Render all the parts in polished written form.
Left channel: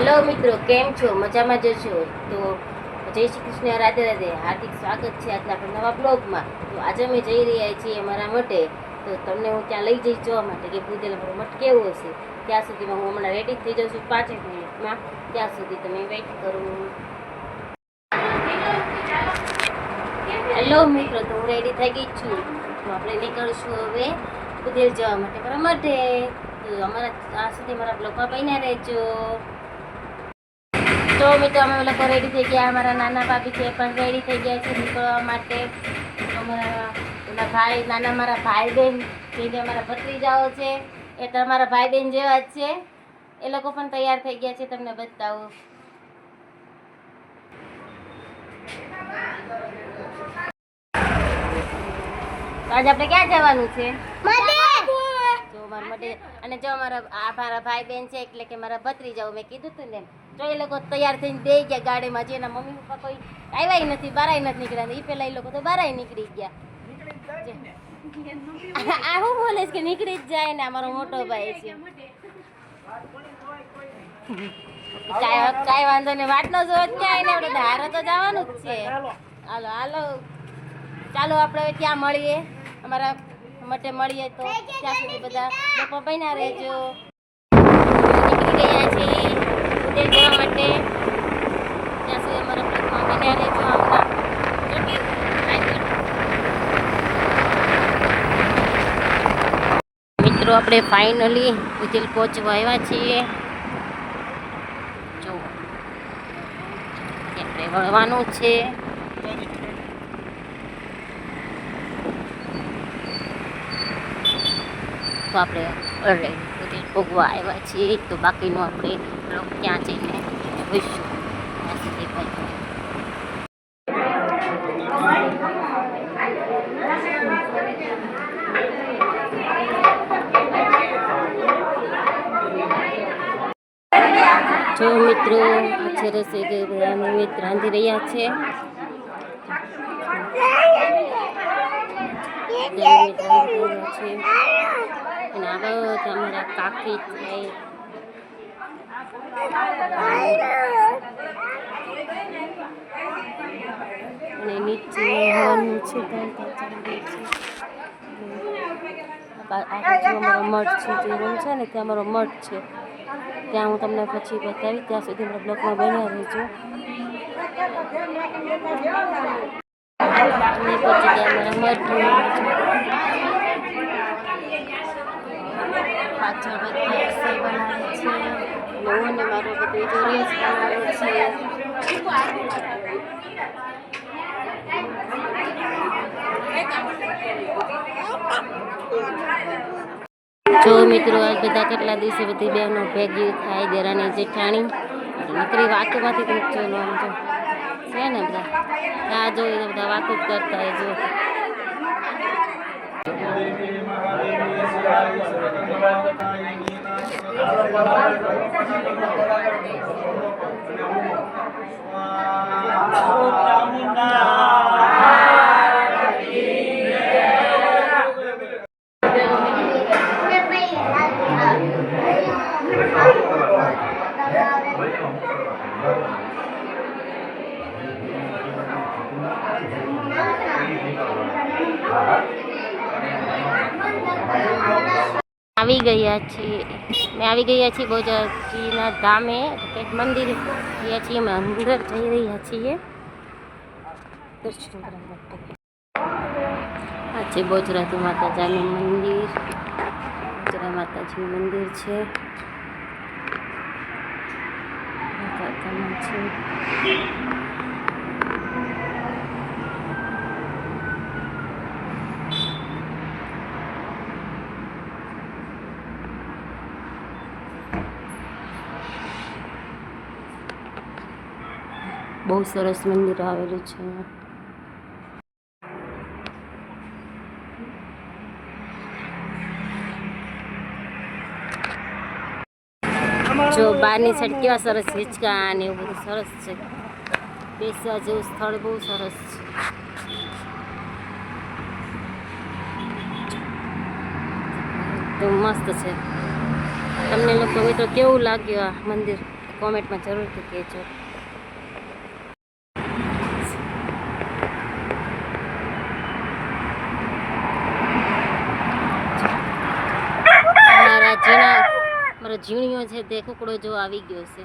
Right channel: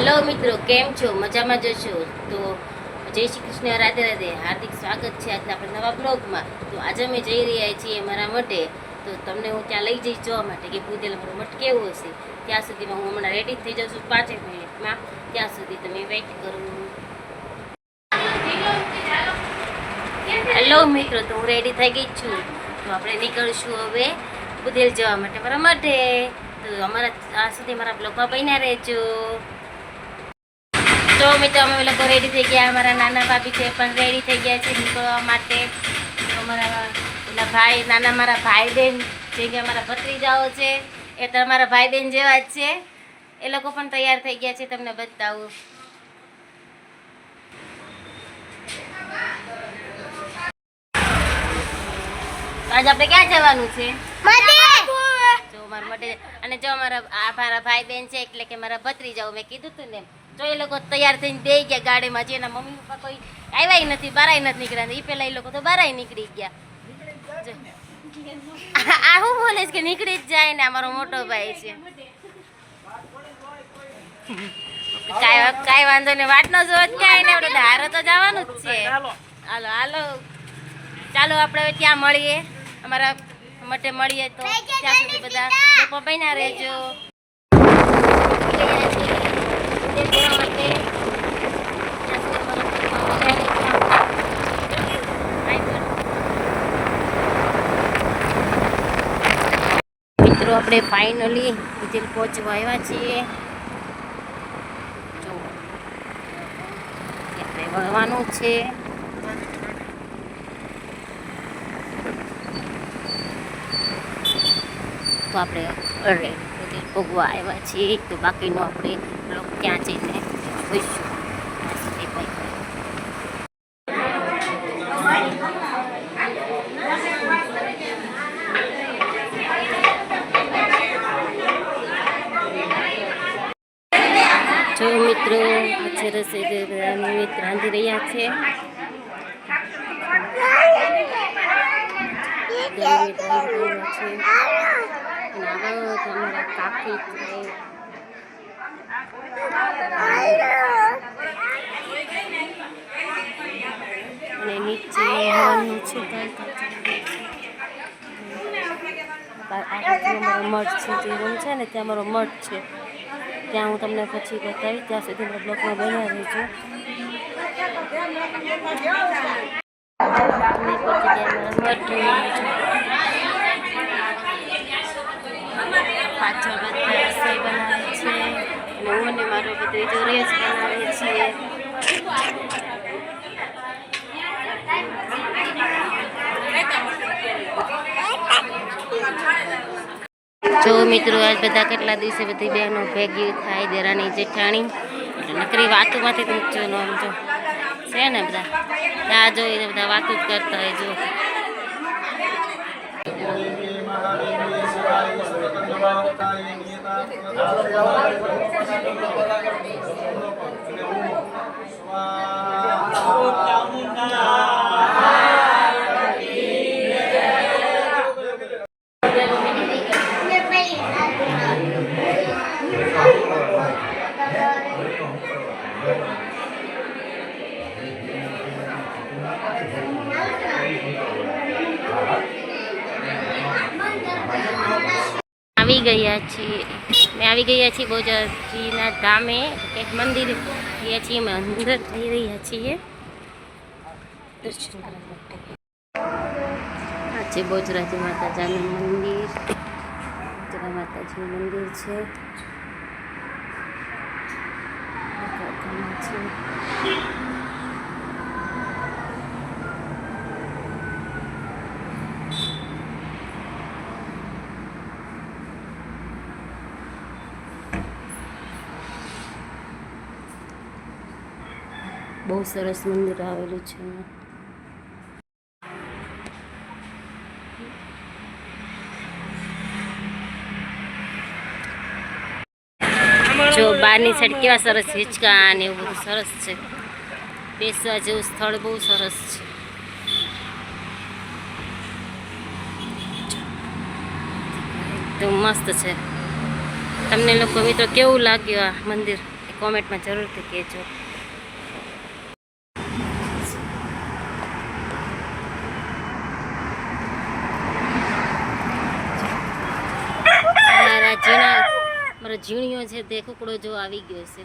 Hello મિત્રો, કેમ છો? મજામાં જશો તો જય શ્રી કૃષ્ણ, રાધે રાધે. હાર્દિક સ્વાગત છે આજના આપણા નવા બ્લોગમાં. તો આજે અમે જઈ રહ્યા છીએ મારા મઠે. તો તમને હું ત્યાં લઈ જઈશ જોવા માટે કે ભૂદેલ મારો મઠ કેવો હશે. ત્યાં સુધીમાં હું હમણાં રેડી થઈ જાઉં છું 5 મિનિટમાં. ત્યાં સુધી તમે વેઇટ કરો. હેલો મિત્રો, તો હું રેડી થઈ ગઈ છું. તો આપણે નીકળશું હવે ભૂદેલ જવા માટે મારા મઠે. તો અમારા આ સુધી મારા બ્લોગમાં બન્યા રહેજો. તો મિત્રો, અમે લોકો રેડી થઈ ગયા. અમારા નાના ભાભી છે પણ રેડી થઈ ગયા છે નીકળવા માટે. અમારા પેલા ભાઈ નાના મારા ભાઈ બહેન જે કે અમારા ભત્રીજાઓ છે એ તો અમારા ભાઈ બહેન જેવા જ છે. એ લોકો પણ તૈયાર થઈ ગયા છે. તમને બતાવું. આજ આપણે ક્યાં જવાનું છે? જો મારા માટે. અને જો મારા ભાઈ બહેન છે એટલે કે મારા ભત્રીજાઓ, મેં કીધું તું ને. જો એ લોકો તૈયાર થઈને દઈ ગયા ગાડીમાં. જે એના મમ્મી પપ્પા કોઈ આવ્યા નથી, બારાય નથી નીકળ્યા. એ પેલા એ લોકો તો બારાય નીકળી ગયા. આ હું બોલે છે કે નીકળી જ જાય ને. અમારો મોટો ભાઈ છે. કાંઈ વાંધો નહીં, વાટ નો જોવો ક્યાંય ને. આપણે ધારો તો જવાનું જ છે. હાલો હાલો, ચાલો આપણે હવે ત્યાં મળીએ. અમારા મઠે મળીએ. તો ત્યાં સુધી બધા લોકો બન્યા રહેજો. મિત્રો, આપણે ફાઇનલી ભૂદેલ પહોંચવા આવ્યા છીએ. જો આપણે વળવાનું છે. તો આપણે ભૂદેલ ભોગવા આવ્યા છીએ. તો બાકીનું આપણે બ્લોગ ત્યાં જઈને જોઈશું. જો મિત્રો, આ છે રસોઈ નિમિત્ત રાંધી રહ્યા છે. અને આવા તમારા કાકી છે. અને નીચે હવાનું છે. આ બાજુ અમારો મઠ છે. જે રૂમ છે ને ત્યાં અમારો મઠ છે. ત્યાં હું તમને પછી બતાવી. ત્યાં સુધી મારા બ્લોગમાં બન્યા રહેજો. અમે પહોંચી ગયા મારા મઠ. પાછળ બધા રસોઈ બનાવે છે. અને હું અને મારો ભત્રીજો રેસ બનાવે છીએ. જો મિત્રો, આજ બધા કેટલા દિવસે બધી બહેનો ભેગી થાય, દેરાની જેઠાણી. એટલે નકરી વાતોમાંથી પૂછજો નો આમ જો છે ને બધા ત્યાં જોઈને બધા વાતો જ કરતા હોય. જો આવી ગયા છીએ. મેં આવી ગયા છીએ બહુચરાજીના ધામે. એક મંદિર ગયા છીએ. અમે અંદર જઈ રહ્યા છીએ દર્શન કરવા માટે. આ છે બહુચરાજી માતાજીનું મંદિર. બહુચરા માતાજીનું મંદિર છે. બહુ સરસ મંદિર આવેલું છે. જો બહારની સાઈડ કેવા સરસ હિંચકા ને એવું બધું સરસ છે. બેસવા જેવું સ્થળ બહુ સરસ છે. એકદમ મસ્ત છે. તમને લોકો મિત્રો કેવું લાગ્યું આ મંદિર? કોમેન્ટમાં જરૂરથી કહેજો. મારો ઝીણિયો છે તે કુકડો જો આવી ગયો છે.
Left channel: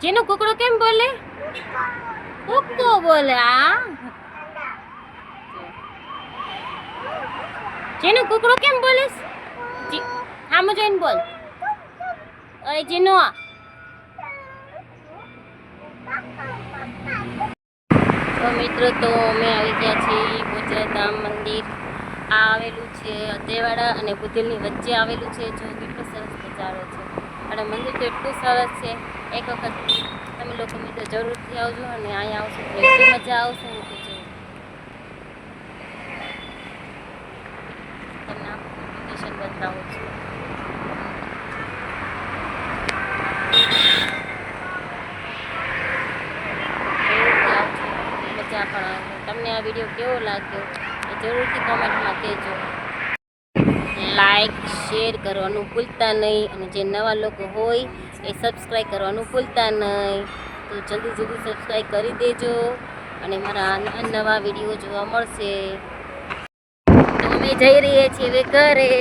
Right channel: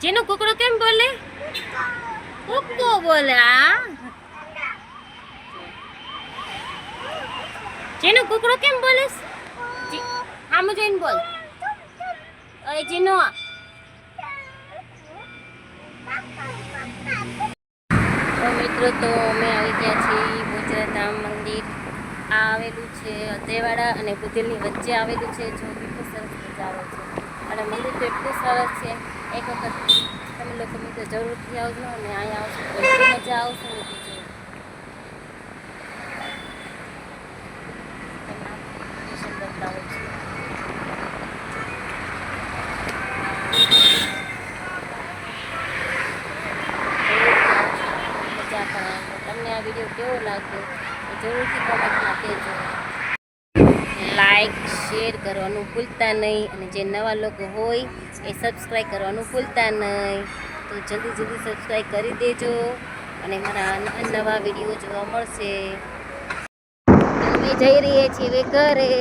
જેનો કુકડો કેમ બોલે? કુક્કો બોલે. આ જેનો કુકડો કેમ બોલે? આમ જોઈને બોલ. અરે જેનો તો મિત્રો તો અમે આવી ગયા છીએ બોજરાધામ મંદિર. આ આવેલું છે અતેવાડા અને બુધેલની વચ્ચે આવેલું છે. જો કેટલો સરસ નજારો છે અને મંદિર તો એટલું સરસ છે. એક વખત તમે લોકો મિત્રો જરૂરથી આવજો અને અહીંયા આવશો તો એટલી મજા આવશે ને કે જો તમને લોકેશન બતાવું છું. મજા પણ આવશે. તમને આ વિડીયો કેવો લાગ્યો એ જરૂરથી કોમેન્ટમાં કહેજો. લાઈક શેર કરવાનું ભૂલતા નહીં અને જે નવા લોકો હોય એ સબસ્ક્રાઈબ કરવાનું ભૂલતા નહીં. તો જલ્દી સબસ્ક્રાઈબ કરી દેજો અને મારા નવા વિડીયો જોવા મળશે. તો અમે જઈ રહીએ છીએ હવે ઘરે.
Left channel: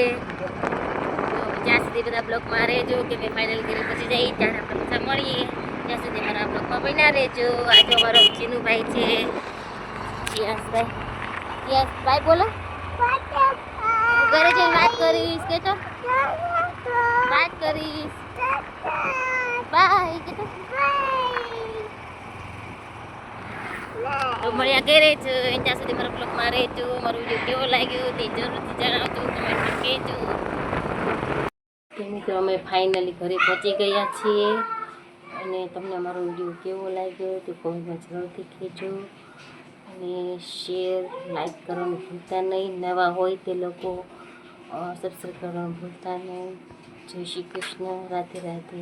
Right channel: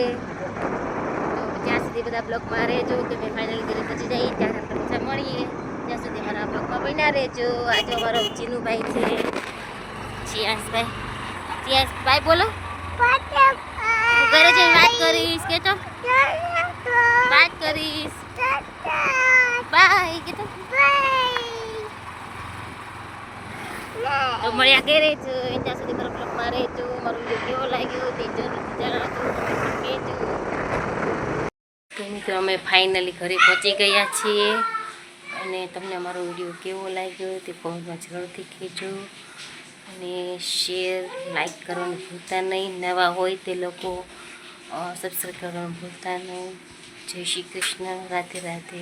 તો જ્યાં સુધી બધા બ્લોગમાં રહેજો કે મેં ફાઇનલી ઘરે પહોંચી જઈએ ત્યારે આપણે પાછા મળીએ. ત્યાં સુધી મારા બ્લોગમાં બન્યા રહેજો. આજે અમારો ચીનુભાઈ છે ચિયાસભાઈ બોલો. ઘરે જઈને વાત કરીશ કે તો વાત કરીશ. બાય કે તો મળ્યા ઘરે જ. ત્યાં સુધી મારા બ્લોગમાં રહેજો. મારો વિડીયો કેવો લાગ્યો તે જરૂરથી જણાવજો. કમેન્ટમાં કહેજો. તો મિત્રો અમે ફાઇનલી ઘરે પહોંચી ગયા છીએ અને તમને અમારો વિડીયો કેવો લાગ્યો તે કોમેન્ટમાં જરૂરથી કહેજો અને શેર લાઈક કરવાનું ભૂલતા નહીં. નવા હોય તે લોકો સબસ્ક્રાઈબ કરવાનું ભૂલતા નહીં. જય શ્રી કૃષ્ણ. રાધે રાધે.